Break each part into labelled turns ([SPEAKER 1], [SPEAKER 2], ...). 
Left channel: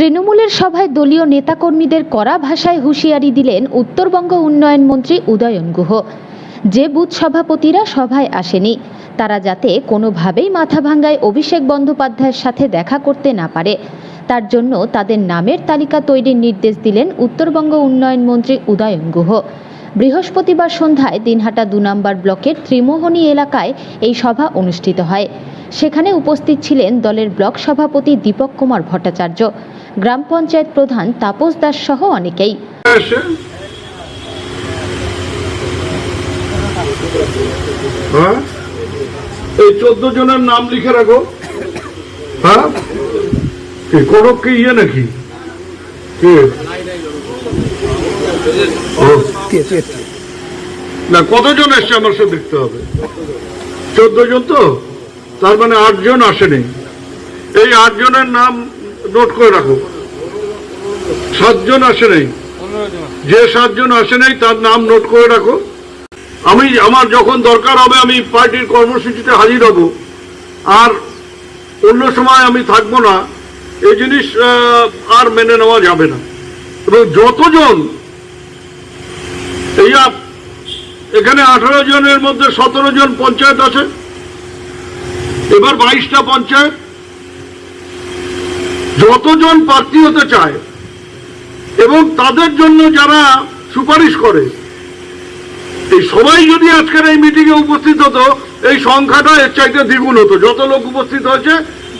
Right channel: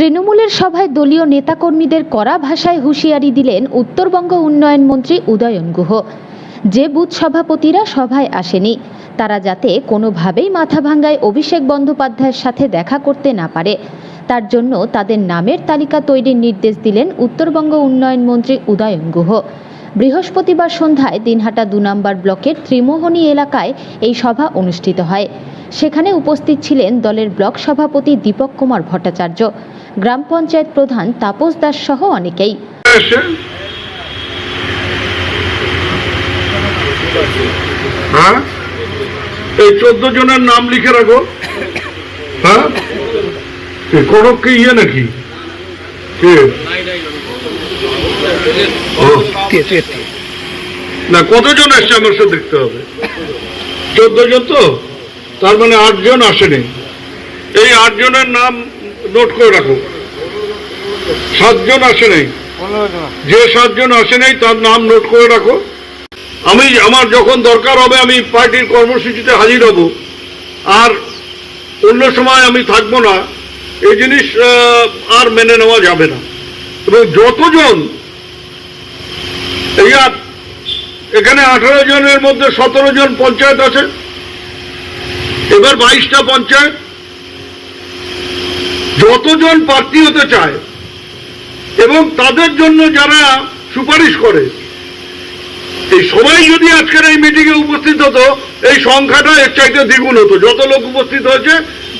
[SPEAKER 1] তৃণমূলের সভায় দলীয় নেতাকর্মীদের কড়া ভাষায় হুঁশিয়ারি দিলেন উত্তরবঙ্গ উন্নয়ন মন্ত্রী উদয়ন গুহ। যে বুথ সভাপতিরা সভায় আসেনি, তারা যাতে কোনোভাবেই মাথা ভাঙ্গায় অভিষেক বন্দ্যোপাধ্যায়ের সাথে দেখা করতে না পারে, তার জন্য তাদের নামের তালিকা তৈরির নির্দেশ দিলেন উত্তরবঙ্গ উন্নয়ন মন্ত্রী উদয়ন গুহ। বৃহস্পতিবার সন্ধ্যায় দিনহাটা দু নম্বর ব্লকের ত্রিমোহনী এলাকায় এই সভা অনুষ্ঠিত হয়। সেখানে উপস্থিত ছিলেন দলের ব্লক সভাপতি দীপক কুমার ভট্টাচার্য গ্রাম পঞ্চায়েত প্রধান তাপস দাস সহ অনেকেই।
[SPEAKER 2] হ্যাঁ? এই চোদ্দ জনের নাম লিখে রাখো। হ্যাঁ? ইয়ে নাকি? না, কতজন এসছে আমার সাথে দেখতে হবে? চোদ্দ জন তো? তার মানে আটজন আসেনি। এই আটজনের নাম নোট করে রাখো। সাতজন আসে নাই। যে সাতজন আসে নাই, তার নাম নোট করে রাখো। আমি, আমার যখন দরকার হবে, আমি পার্টির কর্মসূচিতে হাজির হব। আর অন্য সময় আমি থাকব না। এই জিনিস আর মেনে নেওয়া যাবে না। এবং যতজন, এই আর এখানে আঠারো জনের মধ্যে সতেরো জন পঞ্চায়েত আছে। এবার বাইশটা পঞ্চায়েত যতজন প্রার্থী হতে চায় এবং তাদের জন্য যারা সুপারিশ করে, এই সবাই যদি আজকের এই মিটিংয়ে উপস্থিত হতো, এই সংখ্যাটা এর চাইতে দ্বিগুণ হতো। যত লোক উপস্থিত হয়েছে,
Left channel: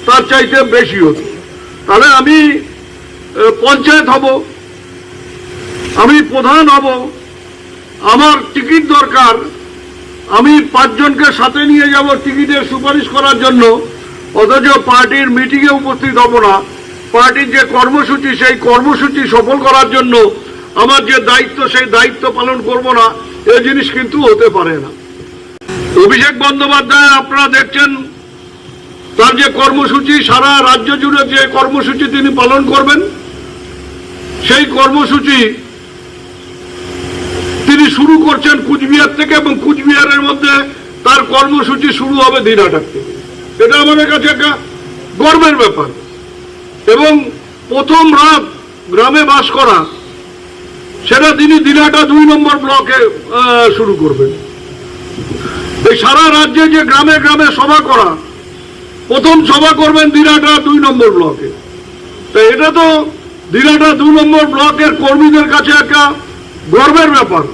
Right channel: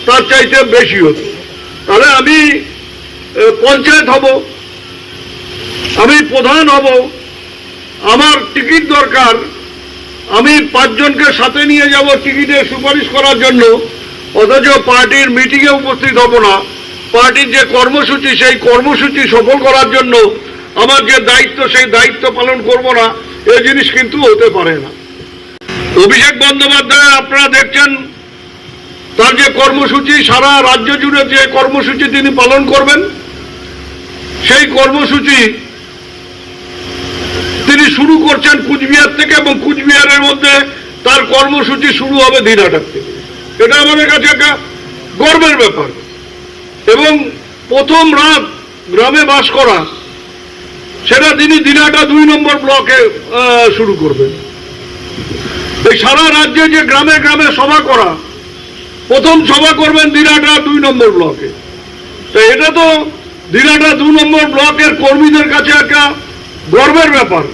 [SPEAKER 2] তার চাইতে বেশি হতো। তাহলে আমি পঞ্চায়েত হব, আমি প্রধান হব, আমার টিকিট দরকার, আমি পাঁচজনকে সাথে নিয়ে যাব টিকিটের সুপারিশ করার জন্য, অথচ পার্টির মিটিংয়ে উপস্থিত হব না। পার্টির যে কর্মসূচি, সেই কর্মসূচি সফল করার জন্য আমার যে দায়িত্ব, সেই দায়িত্ব পালন করব না এই জিনিস কিন্তু হতে পারে না। অভিষেক বন্দ্যোপাধ্যায়, আপনারা দেখছেন, তার যে কর্মসূচি, সারা রাজ্য জুড়ে যে কর্মসূচি তিনি পালন করবেন, সেই কর্মসূচি তিনি শুরু করছেন কুচবিহার থেকে এবং কুচবিহারের মধ্যে তার কর্মসূচি শুরু হবে দিনহাটার থেকে। এটা আমাদের কাছে একটা গর্বের ব্যাপার। এবং প্রথম রাত গ্রামে বাস করা, সেটা তিনি দিনাটা দুই নম্বর ব্লকে শুরু করবেন। এই সারা রাজ্যে যে গ্রামে গ্রামে সভা করা, প্রথম সভা করবেন দিনহাটা দুই নম্বর ব্লকে। তো এটা তো দিনহাটা দু নম্বর ব্লকের কর্মীদের কাছে একটা গর্বের ব্যাপার।